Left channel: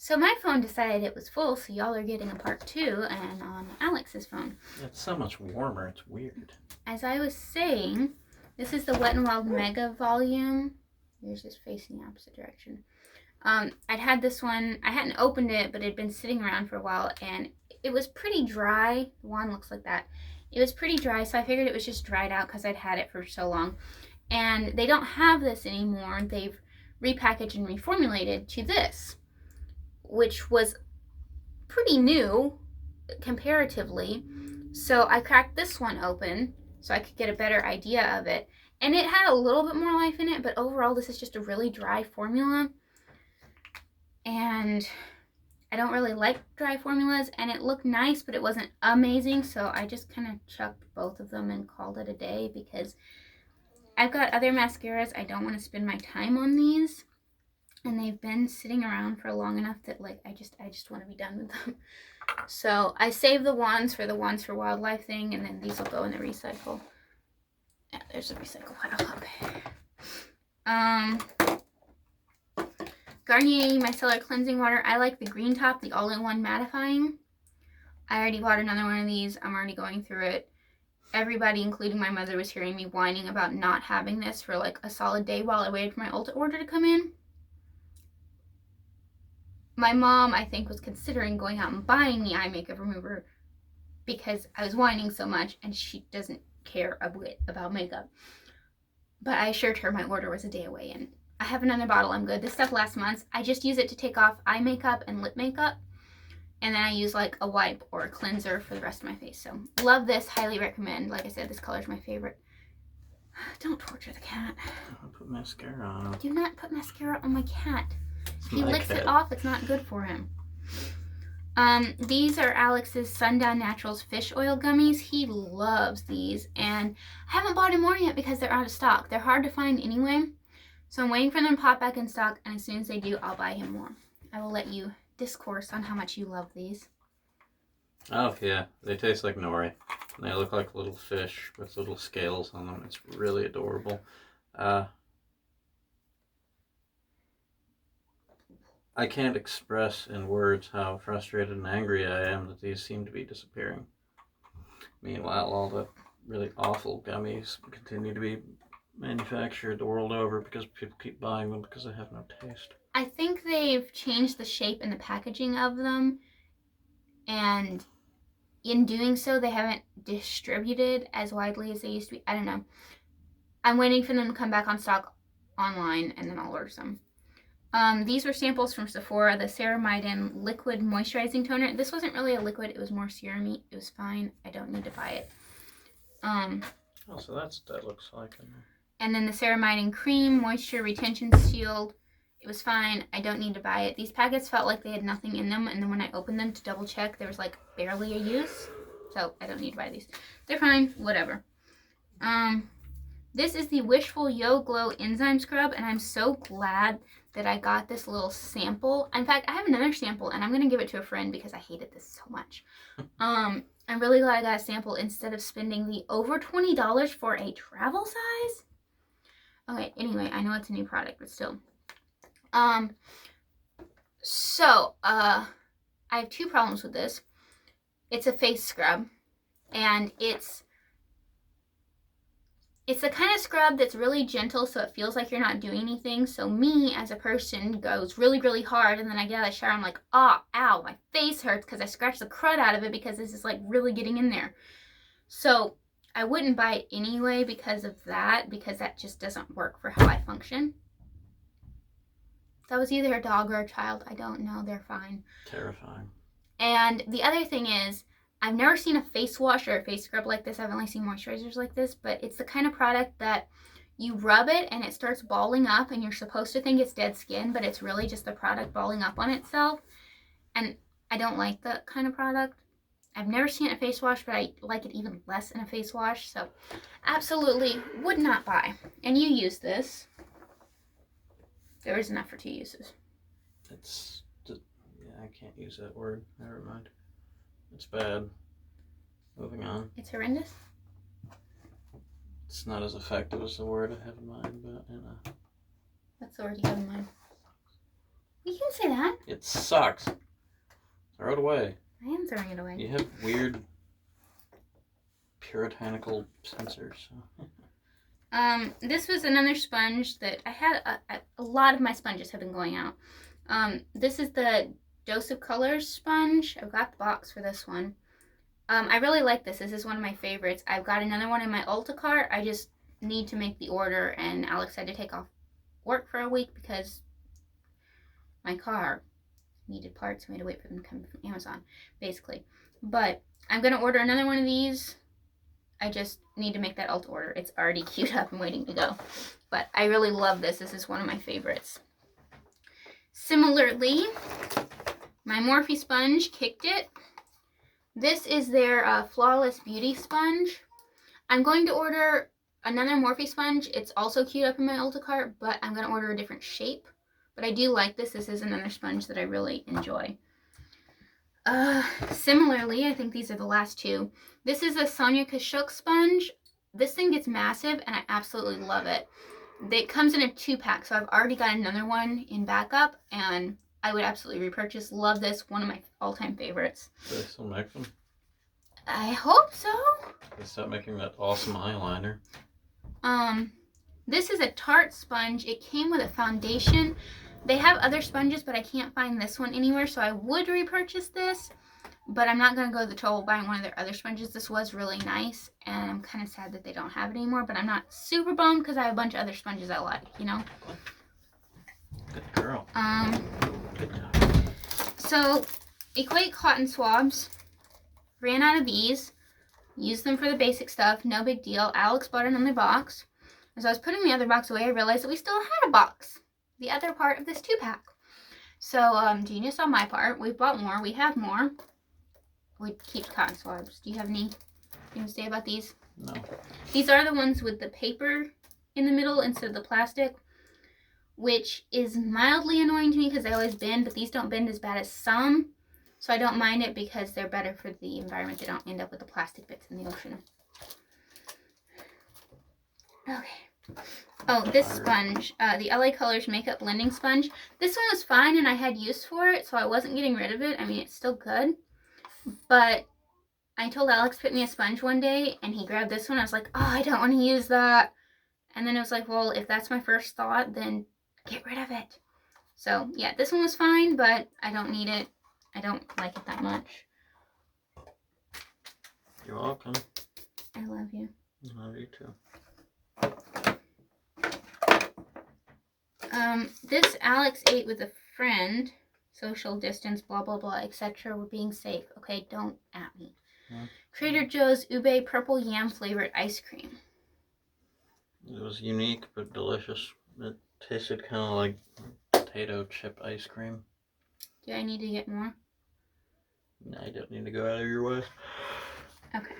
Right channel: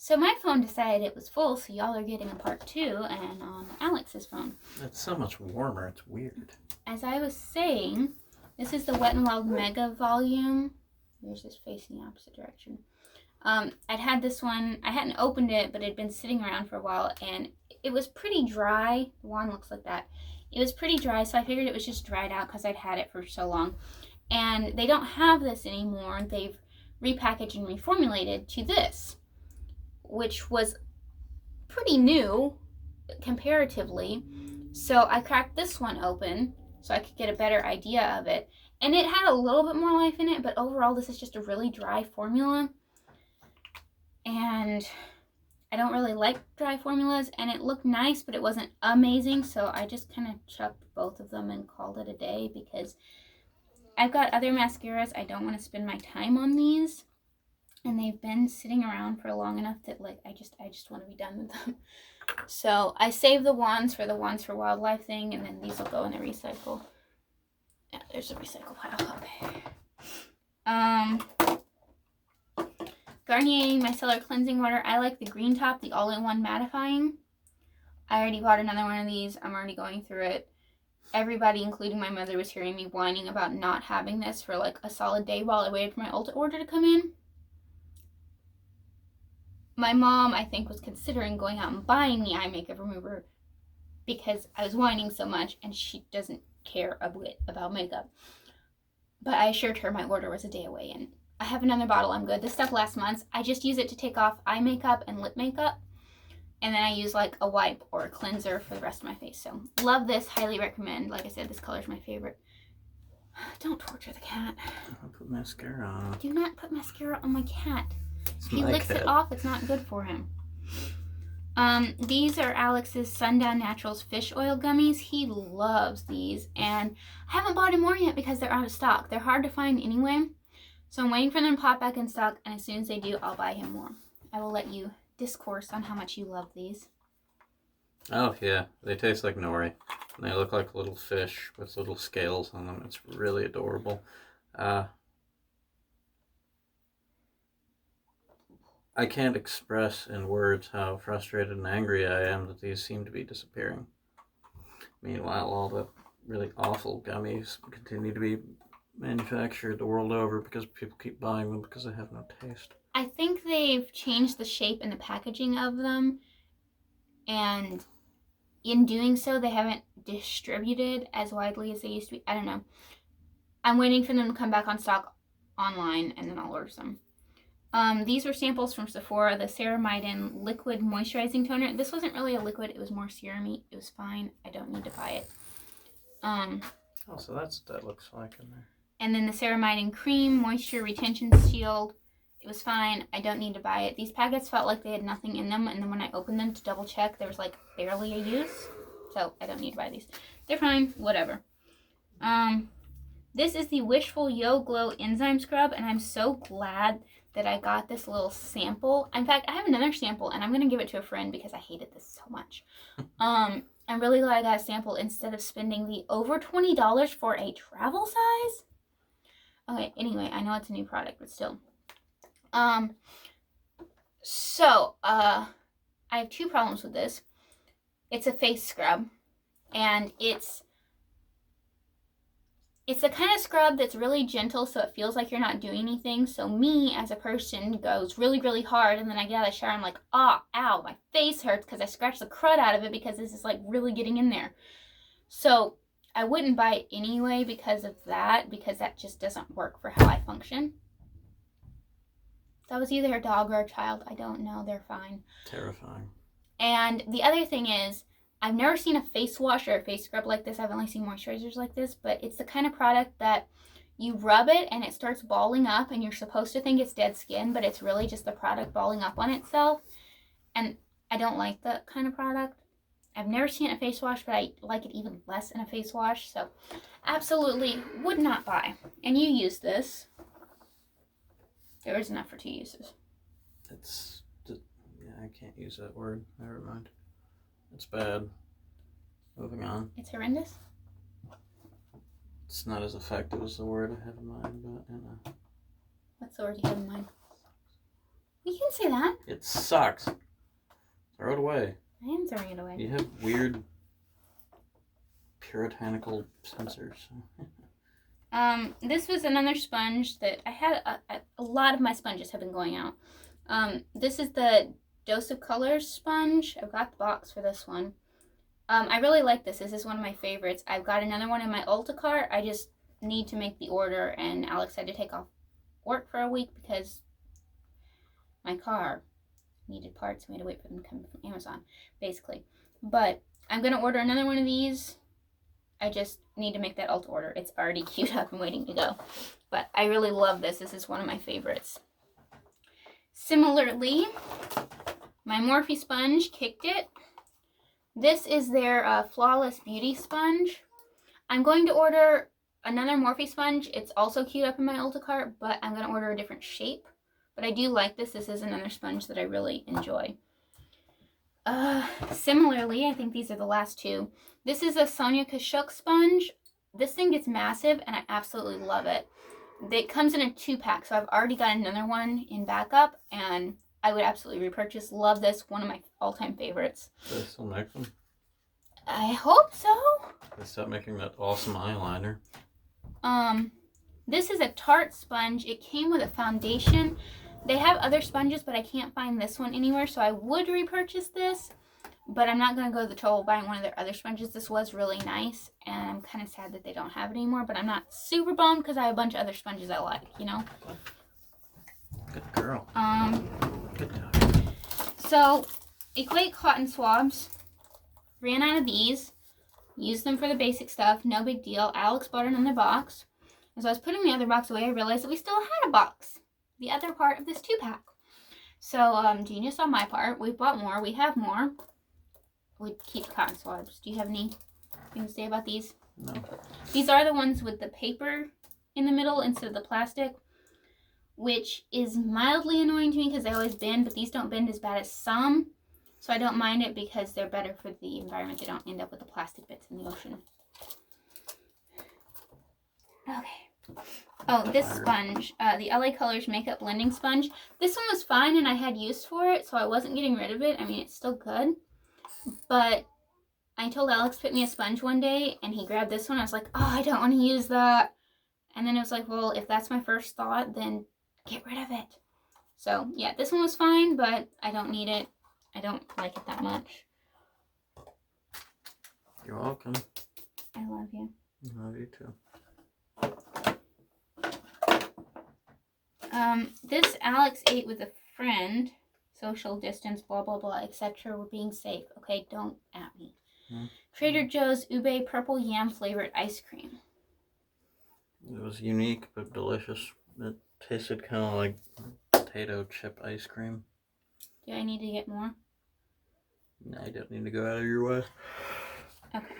So my phone decided it was full, so y'all are getting a part 2, and on Alex's phone. It's so much warmer, it's weird. As I was saying, this is the Wet n Wild Mega Volume. Yours is facing the opposite direction. I'd had this one, I hadn't opened it, but it had been sitting around for a while, and it was pretty dry. The wand looks like that. It was pretty dry, so I figured it was just dried out because I'd had it for so long. And they don't have this anymore. They've repackaged and reformulated to this, which was pretty new comparatively. So I cracked this one open so I could get a better idea of it. And it had a little bit more life in it, but overall this is just a really dry formula. And I don't really like dry formulas, and it looked nice, but it wasn't amazing. So I just kind of chucked both of them and called it a day because I've got other mascaras. I don't want to spend my time on these. And they've been sitting around for long enough that like I just want to be done with them. So I saved the wands for wildlife thing, and then these will go in the recycle. Yeah, there's a recycle pile. Okay. Garnier Micellar Cleansing Water. I like the green top, the all-in-one mattifying. I already bought another one of these. I'm already going through it. Everybody, including my mother, was hearing me whining about not having this for like a solid day while I waited for my Ulta order to come in. My mom, I think, was considering going out and buying the eye makeup remover because I was whining so much, and she doesn't care a bit about makeup. But I assured her my order was a day away, and I have another bottle. I'm good. This stuff lasts months. I just use it to take off eye makeup and lip makeup, and then I use like a wipe or a cleanser for the rest of my face. So love this. Highly recommend. Like I said, this color is my favorite. Don't torture the cat. I'll put mascara on. Do not put mascara on my cat. If he licks it off, it's not good for him. These are Alex's Sundown Naturals fish oil gummies. He loves these, and I haven't bought him more yet because they're out of stock. They're hard to find anyway, so I'm waiting for them to pop back in stock, and as soon as they do, I'll buy him more. I will let you discourse on how much you love these. Oh yeah, they taste like nori. They look like little fish with little scales on them. It's really adorable. I can't express in words how frustrated and angry I am that these seem to be disappearing. Meanwhile, all the really awful gummies continue to be manufactured the world over because people keep buying them because they have no taste. I think they've changed the shape and the packaging of them, and in doing so, they haven't distributed as widely as they used to be. I don't know. I'm waiting for them to come back on stock online, and then I'll order some. These were samples from Sephora, the Ceramide Liquid Moisturizing Toner. This wasn't really a liquid, it was more serum-y. It was fine. I don't need to buy it. Oh, so that's what that looks like in there. And then the Ceramide Cream Moisture Retention Shield. It was fine. I don't need to buy it. These packets felt like they had nothing in them, and then when I opened them to double check, there was like barely a use. So I don't need to buy these. They're fine. Whatever. This is the Wishful Yo Glow Enzyme Scrub, and I'm so glad that I got this little sample. In fact, I have another sample, and I'm going to give it to a friend because I hated this so much. I'm really glad I got a sample instead of spending the over $20 for a travel size. Okay, anyway, I know it's a new product, but still. I have two problems with this. It's a face scrub, and it's the kind of scrub that's really gentle, so it feels like you're not doing anything. So me, as a person, goes really, really hard, and then I get out of the shower, I'm like, oh, ow, my face hurts because I scratched the crud out of it because this is like really getting in there. So I wouldn't buy it anyway because of that, because that just doesn't work for how I function. That was either a dog or a child. I don't know. They're fine. Terrifying. And the other thing is, I've never seen a face wash or a face scrub like this. I've only seen moisturizers like this, but it's the kind of product that you rub it and it starts balling up, and you're supposed to think it's dead skin, but it's really just the product balling up on itself. And I don't like that kind of product. I've never seen a face wash, but I like it even less in a face wash. So absolutely would not buy. And you use this. There is enough for 2 uses. It's just, yeah, I can't use that word. Never mind. It's bad. Moving on. It's horrendous. It's not as effective as the word I have in mind, but you know. What's the word you have in mind? You can say that. It sucks. Throw it away. I am throwing it away. You have weird puritanical censors. This was another sponge that I had. A lot of my sponges have been going out. This is the Dose of Colors sponge. I've got the box for this one. I really like this. This is one of my favorites. I've got another one in my Ulta cart. I just need to make the order, and Alex had to take off work for a week because my car needed parts. We had to wait for them to come from Amazon, basically. But I'm going to order another one of these. I just need to make that Ulta order. It's already queued up and waiting to go. But I really love this. This is one of my favorites. Similarly, my Morphe sponge kicked it. This is their Flawless Beauty sponge. I'm going to order another Morphe sponge. It's also queued up in my Ulta cart, but I'm going to order a different shape. But I do like this. This is another sponge that I really enjoy. Similarly, I think these are the last two. This is a Sonia Kashuk sponge. This thing gets massive, and I absolutely love it. It comes in a 2-pack, so I've already got another one in backup, and I would absolutely repurchase. Love this. One of my all-time favorites. Do they still make them? I hope so. They stopped making that awesome eyeliner. This is a Tarte sponge. It came with a foundation. They have other sponges, but I can't find this one anywhere, so I would repurchase this, but I'm not going to go to the trouble buying one of their other sponges. This was really nice, and I'm kind of sad that they don't have it anymore, but I'm not super bummed because I have a bunch of other sponges I like, you know? Good girl. Good job. So, Equate Cotton Swabs. Ran out of these. Used them for the basic stuff. No big deal. Alex bought another box. As I was putting the other box away, I realized that we still had a box. The other part of this 2-pack. So, genius on my part. We've bought more. We have more. We keep cotton swabs. Do you have anything to say about these? No. These are the ones with the paper in the middle instead of the plastic, which is mildly annoying to me because they always bend, but these don't bend as bad as some. So I don't mind it because they're better for the environment. They don't end up with the plastic bits in the ocean. Okay. Oh, this sponge, the LA Colors Makeup Blending Sponge. This one was fine and I had use for it, so I wasn't getting rid of it. I mean, it's still good. But I told Alex to put me a sponge one day and he grabbed this one. I was like, oh, I don't want to use that. And then I was like, well, if that's my first thought, then get rid of it. So, yeah, this one was fine, but I don't need it. I don't like it that much. You're welcome. I love you. I love you too. This Alex ate with a friend. Social distance, blah, blah, blah, etc. We're being safe. Okay, don't at me. Yeah. Trader Joe's Ube Purple Yam Flavored Ice Cream. It was unique but delicious. It tasted kind of like potato chip ice cream. Do I need to get more? No, you don't need to go out of your way. Okay.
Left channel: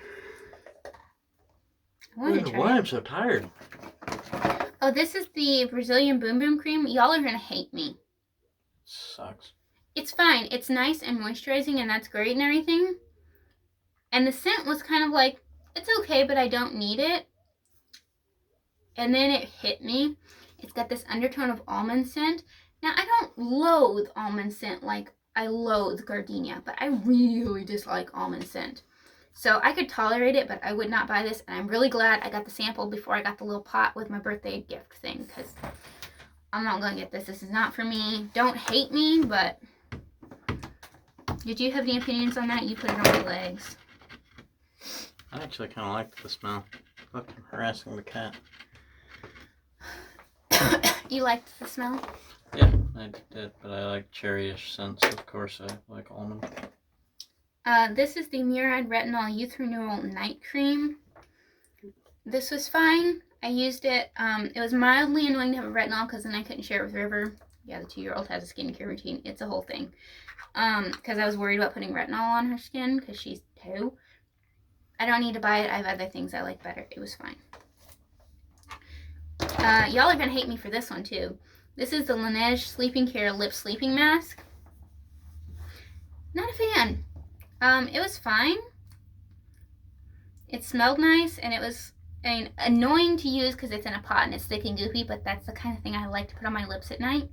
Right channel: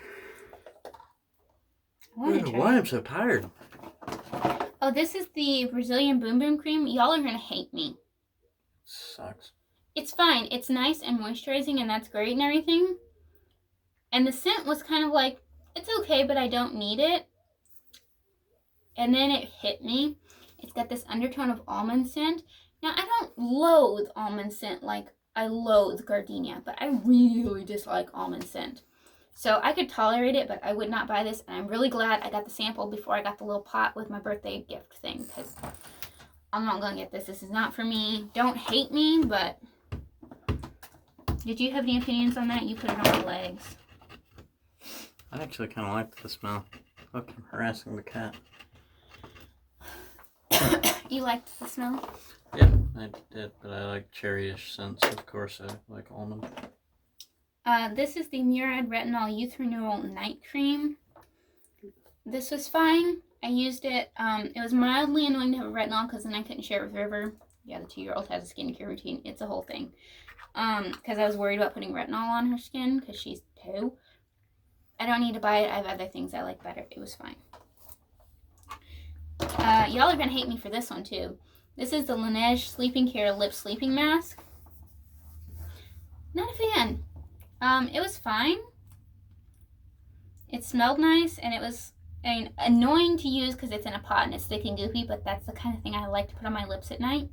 I want to try Why it. I'm so tired. Oh, this is the Brazilian Boom Boom Cream. Y'all are going to hate me. Sucks. It's fine. It's nice and moisturizing, and that's great and everything. And the scent was kind of like, it's okay, but I don't need it. And then it hit me. It's got this undertone of almond scent. Now, I don't loathe almond scent like I loathe gardenia, but I really dislike almond scent. So I could tolerate it, but I would not buy this. And I'm really glad I got the sample before I got the little pot with my birthday gift thing, because I'm not going to get this. This is not for me. Don't hate me, but did you have any opinions on that? You put it on my legs. I actually kind of liked the smell. Look, I'm harassing the cat. You liked the smell? Yeah, I did, but I like cherryish scents. Of course, I like almond. This is the Murad Retinol Youth Renewal Night Cream. This was fine. I used it. It was mildly annoying to have a retinol because then I couldn't share it with River. Yeah, the 2-year-old has a skincare routine. It's a whole thing. Because I was worried about putting retinol on her skin because she's 2. I don't need to buy it. I have other things I like better. It was fine. Y'all are going to hate me for this one too. This is the Laneige Sleeping Care Lip Sleeping Mask. Not a fan. It was fine. It smelled nice, and it was annoying to use because it's in a pot and it's thick and goopy, but that's the kind of thing I like to put on my lips at night.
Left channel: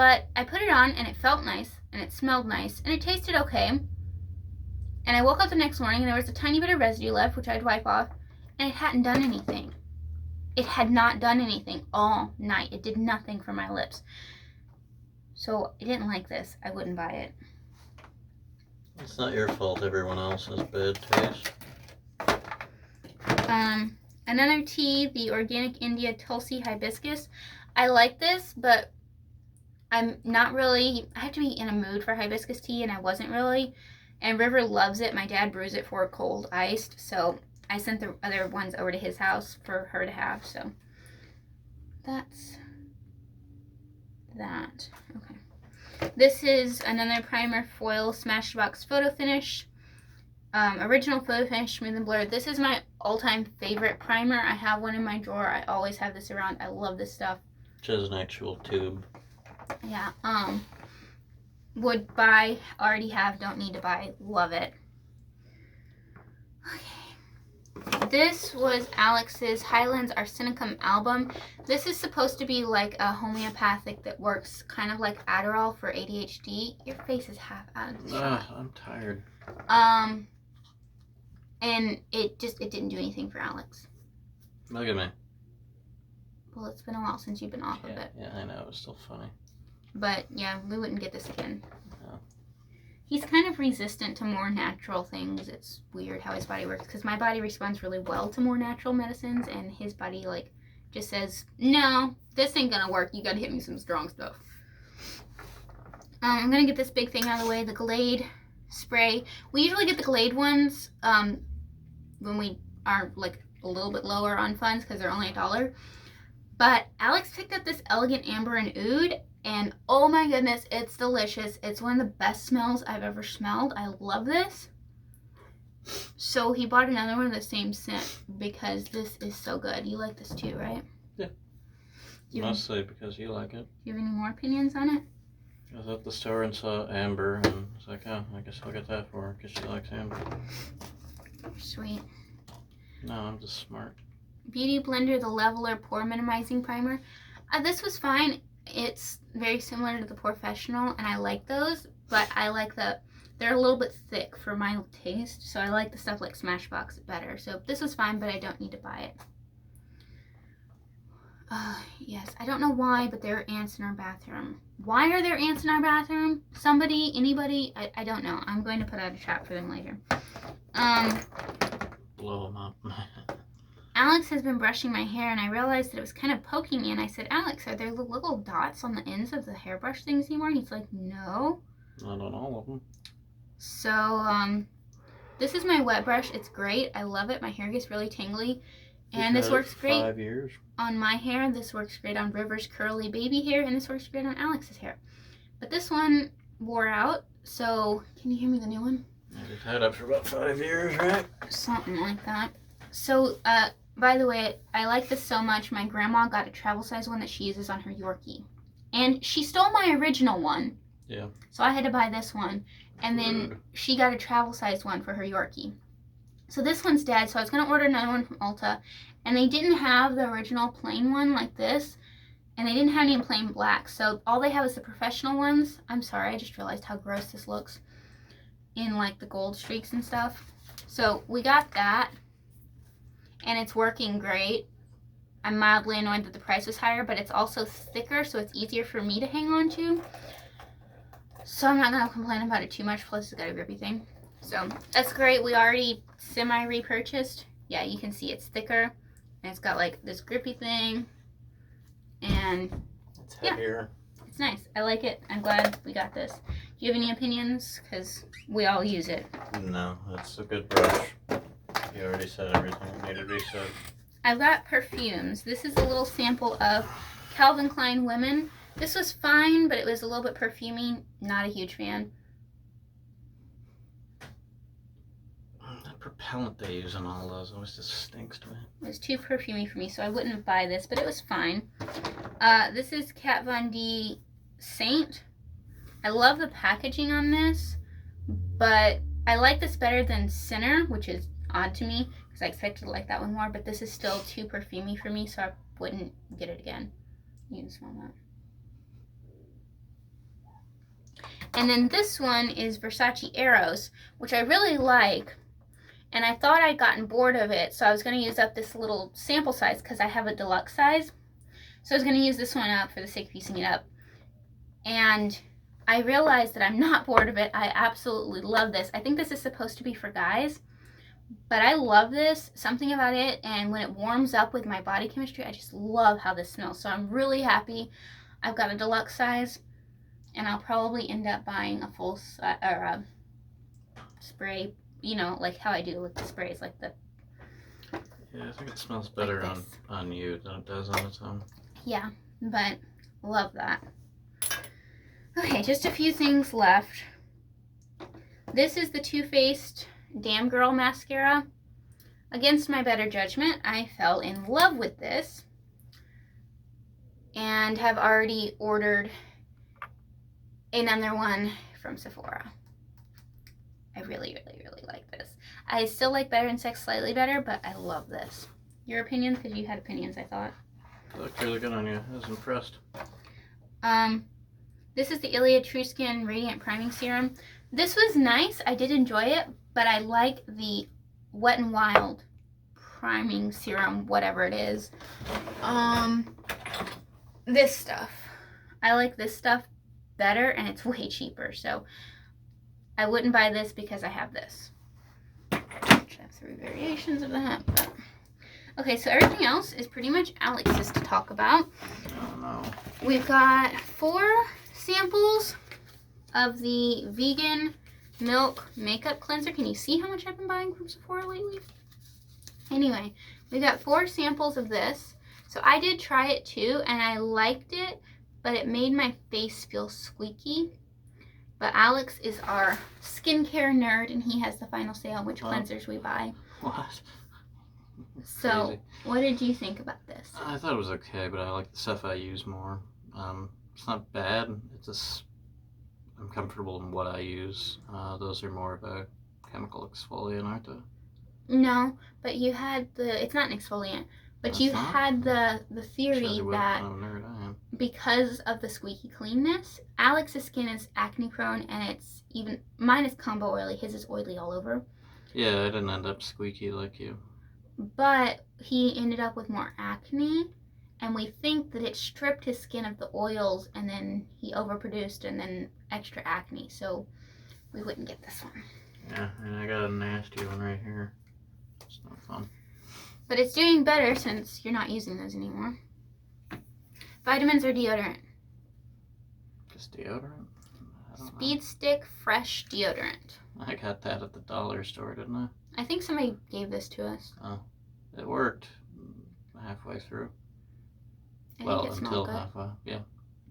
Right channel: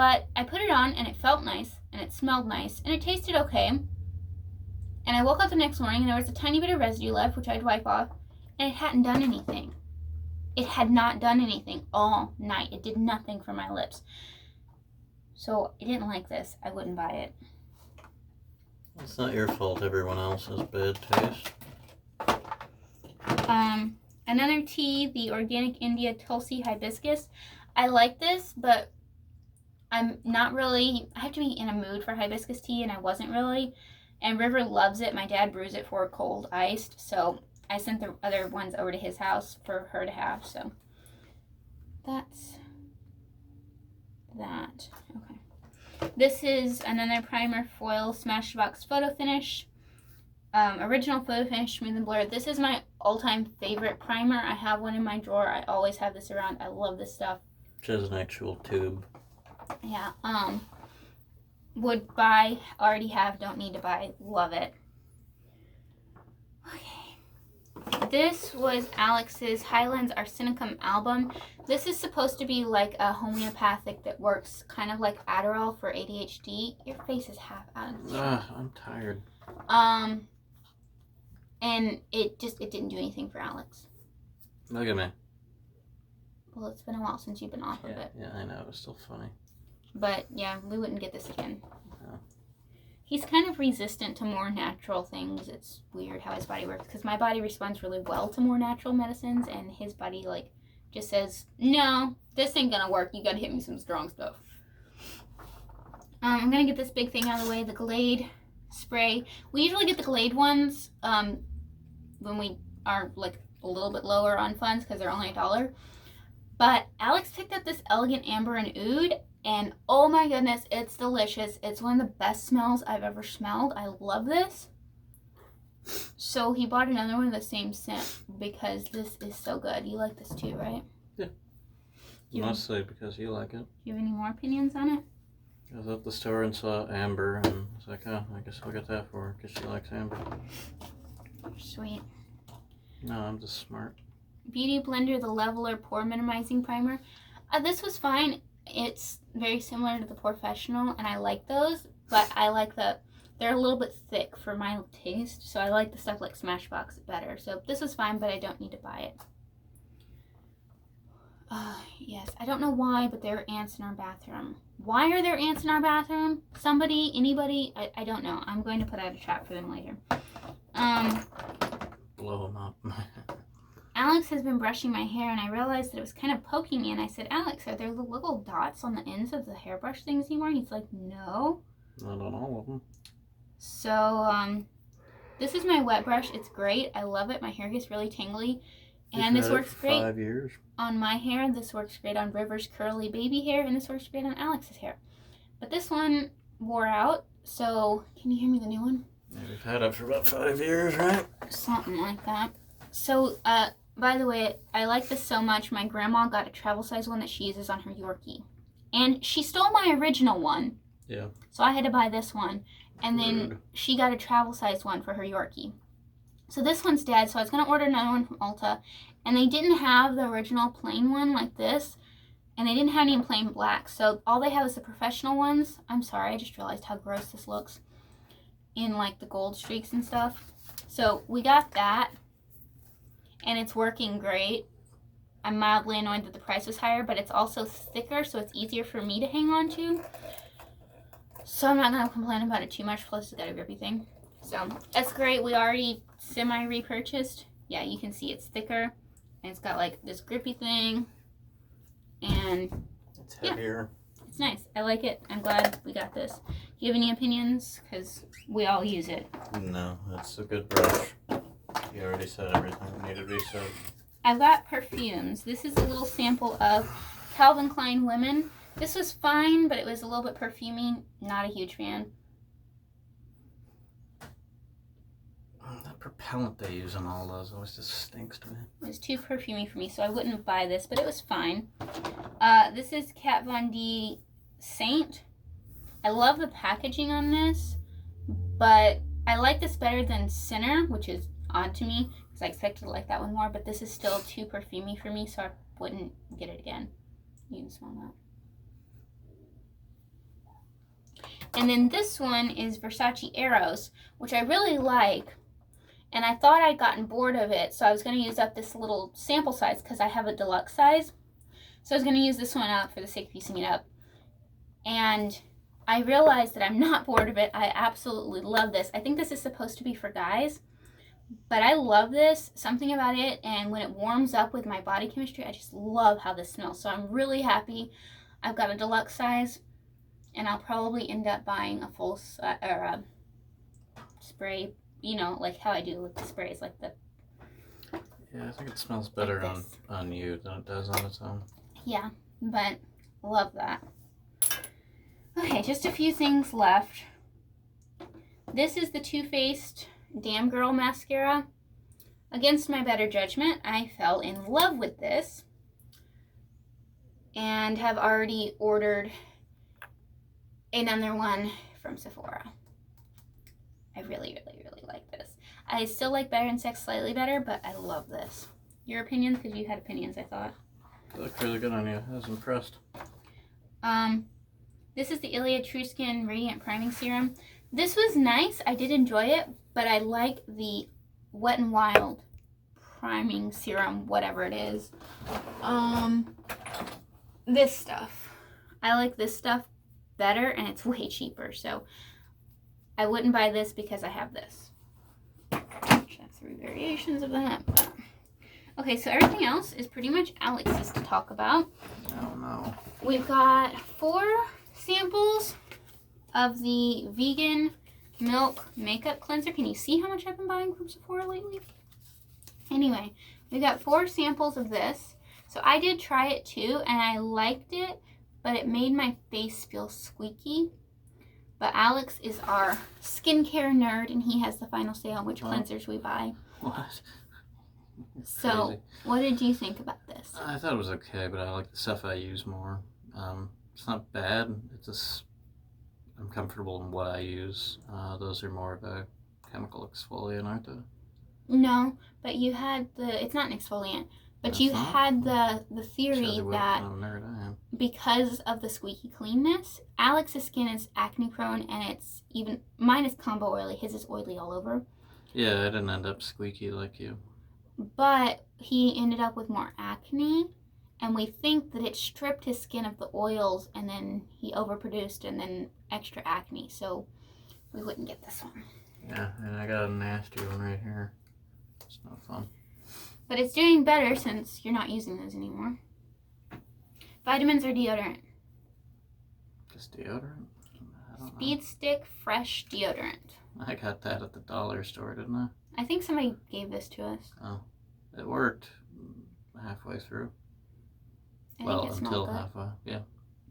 But I put it on and it felt nice and it smelled nice and it tasted okay. And I woke up the next morning and there was a tiny bit of residue left, which I'd wipe off, and it hadn't done anything. It had not done anything all night. It did nothing for my lips. So I didn't like this. I wouldn't buy it. It's not your fault everyone else has bad taste. Another tea, the Organic India Tulsi Hibiscus. I like this, but I'm not really, I have to be in a mood for hibiscus tea, and I wasn't really. And River loves it. My dad brews it for cold iced, so I sent the other ones over to his house for her to have. So that's that. Okay. This is another primer foil Smashbox photo finish. Original photo finish, smooth and blurred. This is my all-time favorite primer. I have one in my drawer. I always have this around. I love this stuff. Which has an actual tube. Yeah. Would buy, already have, don't need to buy. Love it. Okay. This was Alex's Highlands Arsenicum album. This is supposed to be like a homeopathic that works kind of like Adderall for ADHD. Your face is half out of the shot. I'm tired. And it didn't do anything for Alex. Look at me. Well, it's been a while since you've been off of it. Yeah, I know. It's still funny. But yeah, we wouldn't get this again. No. He's kind of resistant to more natural things. It's weird how his body works, because my body responds really well to more natural medicines, and his body like just says, no, this ain't gonna work. You gotta hit me some strong stuff. I'm gonna get this big thing out of the way, the Glade spray. We usually get the Glade ones when we are like a little bit lower on funds because they're only $1. But Alex picked up this Elegant Amber and Oud, and oh my goodness, it's delicious. It's one of the best smells I've ever smelled. I love this. So he bought another one of the same scent because this is so good. You like this too, right? Yeah. Mostly because you like it. Do you have any more opinions on it? I was at the store and saw Amber, and I was like, oh, I guess I'll get that for her because she likes Amber. Sweet. No, I'm just smart. Beauty Blender, the Leveler Pore Minimizing Primer. This was fine. It's very similar to the Professional, and I like those, but I like they're a little bit thick for my taste, so I like the stuff like Smashbox better. So this was fine, but I don't need to buy it. Yes, I don't know why, but there are ants in our bathroom. Why are there ants in our bathroom? Somebody, anybody, I don't know. I'm going to put out a trap for them later. Blow them up. Alex has been brushing my hair, and I realized that it was kind of poking me, and I said, Alex, are there little dots on the ends of the hairbrush things anymore? And he's like, no. Not on all of them. So, this is my wet brush. It's great. I love it. My hair gets really tangly. And this works great 5 years. on my hair. This works great on River's curly baby hair, and this works great on Alex's hair. But this one wore out, so can you hear me, the new one? Yeah, we've had it for about 5 years, right? Something like that. So, by the way, I like this so much. My grandma got a travel size one that she uses on her Yorkie. And she stole my original one. Yeah. So I had to buy this one. And then she got a travel size one for her Yorkie. So this one's dead, so I was going to order another one from Ulta. And they didn't have the original plain one like this. And they didn't have any in plain black. So all they have is the Professional ones. I'm sorry, I just realized how gross this looks. In like the gold streaks and stuff. So we got that. And it's working great. I'm mildly annoyed that the price was higher, but it's also thicker, so it's easier for me to hang on to. So I'm not going to complain about it too much, plus it's got a grippy thing. So that's great. We already semi-repurchased. Yeah, you can see it's thicker. And it's got like this grippy thing. And it's heavier. Yeah, it's nice. I like it. I'm glad we got this. Do you have any opinions? Because we all use it. No, it's a good brush. You already said everything that needed to be said. I've got perfumes. This is a little sample of Calvin Klein Women. This was fine, but it was a little bit perfumey. Not a huge fan. That propellant they use in all those always just stinks to me. It was too perfumey for me, so I wouldn't buy this, but it was fine. This is Kat Von D Saint. I love the packaging on this, but I like this better than Sinner, which is odd to me because I expected to like that one more, but this is still too perfumey for me, so I wouldn't get it again. You can smell that. And then this one is Versace Eros, which I really like. And I thought I'd gotten bored of it, so I was going to use up this little sample size because I have a deluxe size. So I was going to use this one up for the sake of using it up. And I realized that I'm not bored of it. I absolutely love this. I think this is supposed to be for guys, but I love this. Something about it, and when it warms up with my body chemistry, I just love how this smells. So I'm really happy. I've got a deluxe size, and I'll probably end up buying a full or a spray, you know, like how I do with the sprays, like the... Yeah, I think it smells better like on you than it does on its own. Yeah, but love that. Okay, just a few things left. This is the Too Faced Damn Girl Mascara. Against my better judgment, I fell in love with this and have already ordered another one from Sephora. I really, really, really like this. I still like Better and Sex slightly better, but I love this. Your opinions? Because you had opinions, I thought. It looked really good on you. I was impressed. This is the Iliad True Skin Radiant Priming Serum. This was nice. I did enjoy it, but I like the Wet n Wild Priming Serum, whatever it is. This stuff. I like this stuff better, and it's way cheaper, so I wouldn't buy this because I have this. I have 3 variations of that. But... Okay, so everything else is pretty much Alex's to talk about. Oh no. We've got 4 samples of the vegan milk makeup cleanser. Can you see how much I've been buying from Sephora lately? Anyway, we got 4 samples of this. So I did try it too, and I liked it, but it made my face feel squeaky. But Alex is our skincare nerd, and he has the final say on which cleansers we buy. What? So, Crazy. What did you think about this? I thought it was okay, but I like the stuff I use more. It's not bad. It's just I'm comfortable in what I use. Those are more of a chemical exfoliant, aren't they? No, but you had it's not an exfoliant, but you had the theory that because of the squeaky cleanness, Alex's skin is acne prone, and it's even, mine is combo oily, his is oily all over. Yeah, I didn't end up squeaky like you. But he ended up with more acne, and we think that it stripped his skin of the oils, and then he overproduced, and then extra acne, so we wouldn't get this one. Yeah, and I got a nasty one right here. It's not fun. But it's doing better since you're not using those anymore. Vitamins or deodorant? Just deodorant? I don't Speed know. Stick Fresh Deodorant. I got that at the dollar store, didn't I? I think somebody gave this to us. Oh, it worked halfway through. I Well, think it until smelled good. halfway, yeah.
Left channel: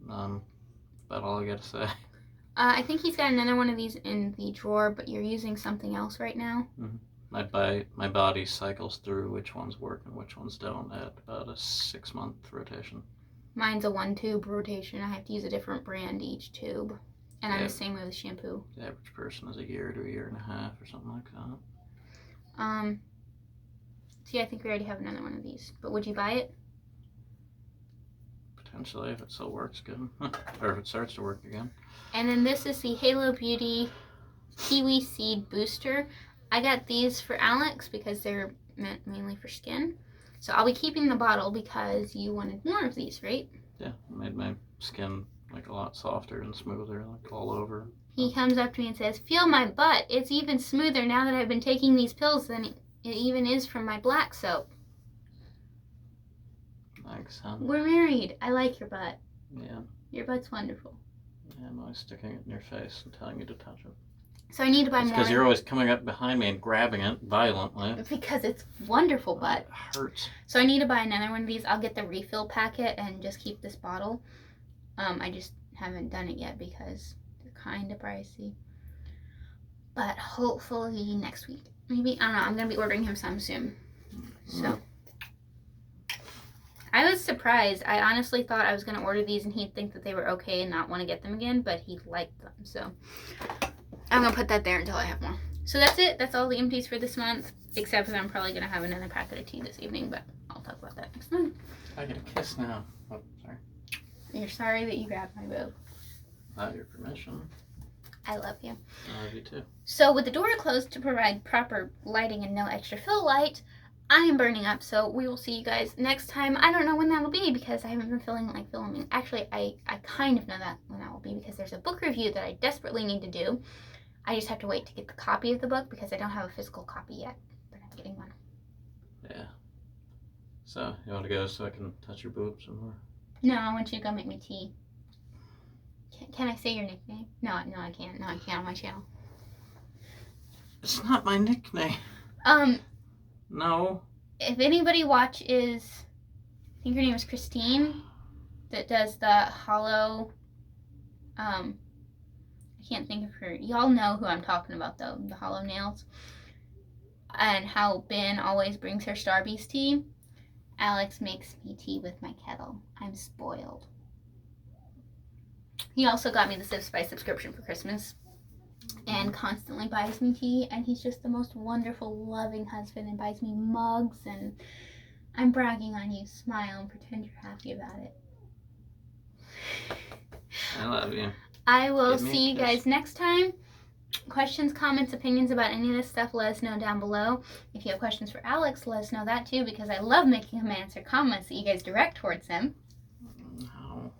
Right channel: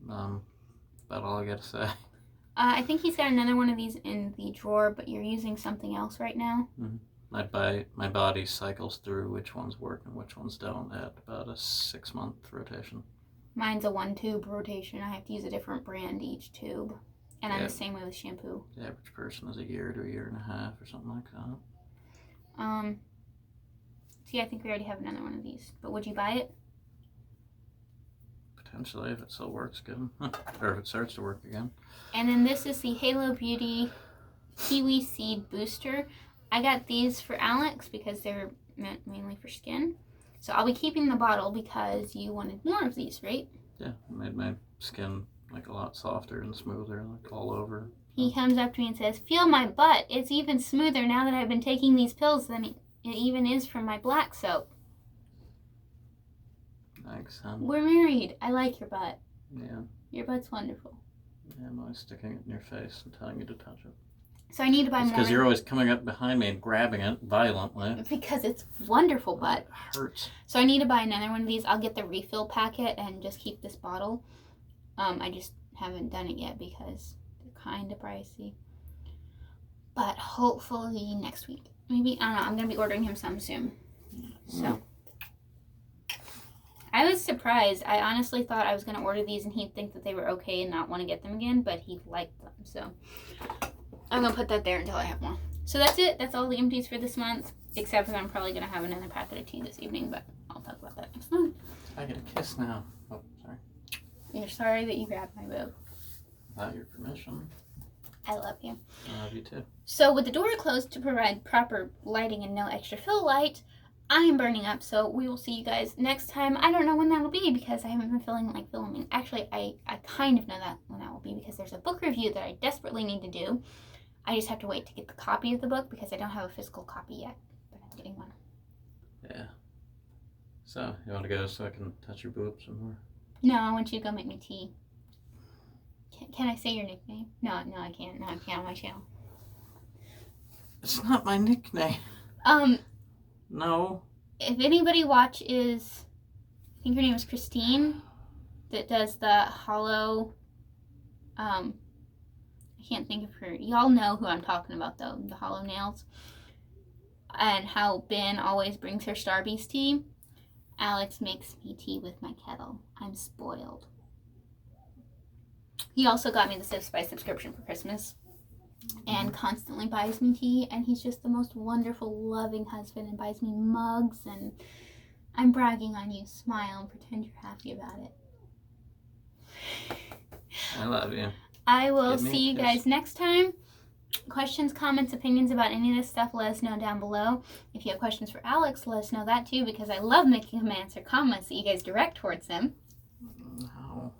About all I got to say. I think he's got another one of these in the drawer, but you're using something else right now. Mm-hmm. My body cycles through which ones work and which ones don't at about a 6-month rotation. Mine's a 1-tube rotation. I have to use a different brand each tube. And I'm the same way with shampoo. The average person is a year to a year and a half or something like that. See, I think we already have another one of these. But would you buy it? Potentially, if it still works good. Or if it starts to work again. And then this is the Halo Beauty Kiwi Seed Booster. I got these for Alex because they're meant mainly for skin. So I'll be keeping the bottle because you wanted more of these, right? Yeah, it made my skin like a lot softer and smoother, like all over. He comes up to me and says, "Feel my butt. It's even smoother now that I've been taking these pills than it even is from my black soap." Thanks, son. We're married. I like your butt. Yeah. Your butt's wonderful. Yeah, I'm always sticking it in your face and telling you to touch it. So I need to buy more. Because you're always coming up behind me and grabbing it violently. Because it's wonderful butt. It hurts. So I need to buy another one of these. I'll get the refill packet and just keep this bottle. I just haven't done it yet because they're kind of pricey. But hopefully next week. Maybe, I don't know. I'm going to be ordering him some soon. So. I was surprised. I honestly thought I was going to order these and he'd think that they were okay and not want to get them again. But he liked them. So I'm going to put that there until I have more. So that's it. That's all the empties for this month. Except for I'm probably going to have another packet of tea this evening. But I'll talk about that next month. I get a kiss now. Oh, sorry. You're sorry that you grabbed my boob. Without your permission. I love you. I love you too. So with the door closed to provide proper lighting and no extra fill light, I am burning up. So we will see you guys next time. I don't know when that'll be because I haven't been feeling like filming. Actually, I kind of know that when that will be because there's a book review that I desperately need to do. I just have to wait to get the copy of the book because I don't have a physical copy yet, but I'm getting one. Yeah. So, you want to go so I can touch your boobs some more? No, I want you to go make me tea. Can I say your nickname? No, I can't. No, I can't on my channel. It's not my nickname. No. If anybody watches, I think her name is Christine, that does the hollow, I can't think of her. Y'all know who I'm talking about though, the hollow nails. And how Ben always brings her Starbeast tea. Alex makes me tea with my kettle. I'm spoiled. He also got me the Sips by subscription for Christmas and constantly buys me tea, and he's just the most wonderful, loving husband and buys me mugs, and I'm bragging on you. Smile and pretend you're happy about it. I love you. I will see you guys next time. Questions, comments, opinions about any of this stuff, let us know down below. If you have questions for Alex, let us know that too, because I love making him answer comments that you guys direct towards him. No.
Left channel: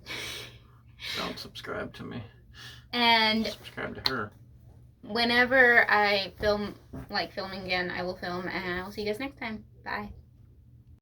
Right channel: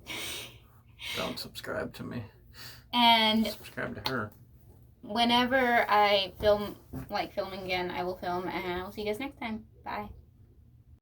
Don't subscribe to me. And subscribe to her. Whenever I film, like filming again, I will film, and I'll see you guys next time. Bye.